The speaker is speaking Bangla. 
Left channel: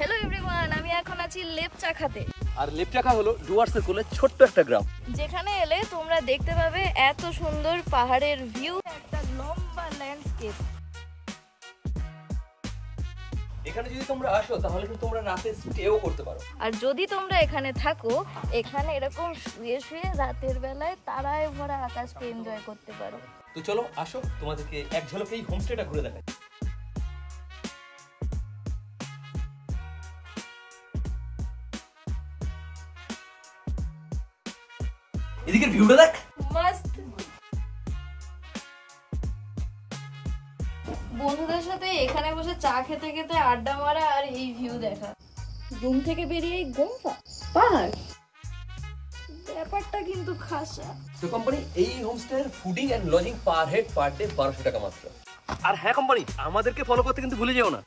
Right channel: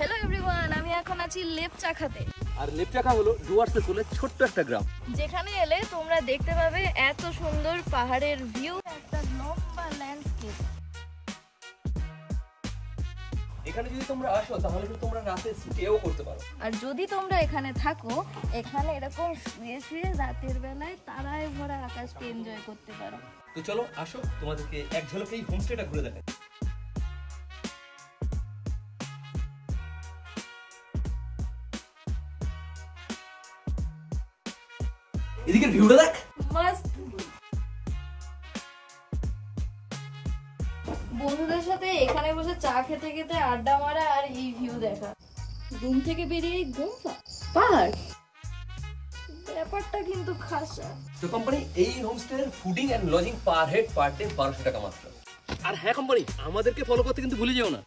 হ্যালো এভরিওয়ান, আমি এখন আছি লেপচাখাতে। আর লেপচাখা হলো ডুয়ার্সের কোলে ছোট্ট একটা গ্রাম, যেখানে এলে তোমরা দেখতে পাবে এত সুন্দর পাহাড়ের ভিউ, একটা লম্বা ল্যান্ডস্কেপ। এখানে যদি তোমরা আসো তাহলে কিন্তু তোমরা রাতে স্টেও করতে পারো। আর যদি তোমরা এখানে থাকো, এখানে এরকম শুয়ে শুয়ে রাতের বেলায় তারায় ভরা আকাশকে এনজয় করতে পারো। তো চলো আসো, তোমাদেরকে এক ঝলকে এই হোমস্টেটা ঘুরে দেখাই। এদিকের ভিউটা দেখ, মাস্ট। বন্ধুদের সাথে এখানে বসে চা খেতে খেতে আড্ডা মারা আর এই ভিউ দেখা, রুম থেকে বেরিয়ে গোমফা পাহাড়, ব্যাপারটা কিন্তু খাসা। তো কোম্পানি এই হোমস্টের fooding and lodging per head per day 1200 টাকা মাত্র। আর হ্যাঁ কোম্পানি, আমাদেরকে ফলো করতে কিন্তু ভুলে যেও না।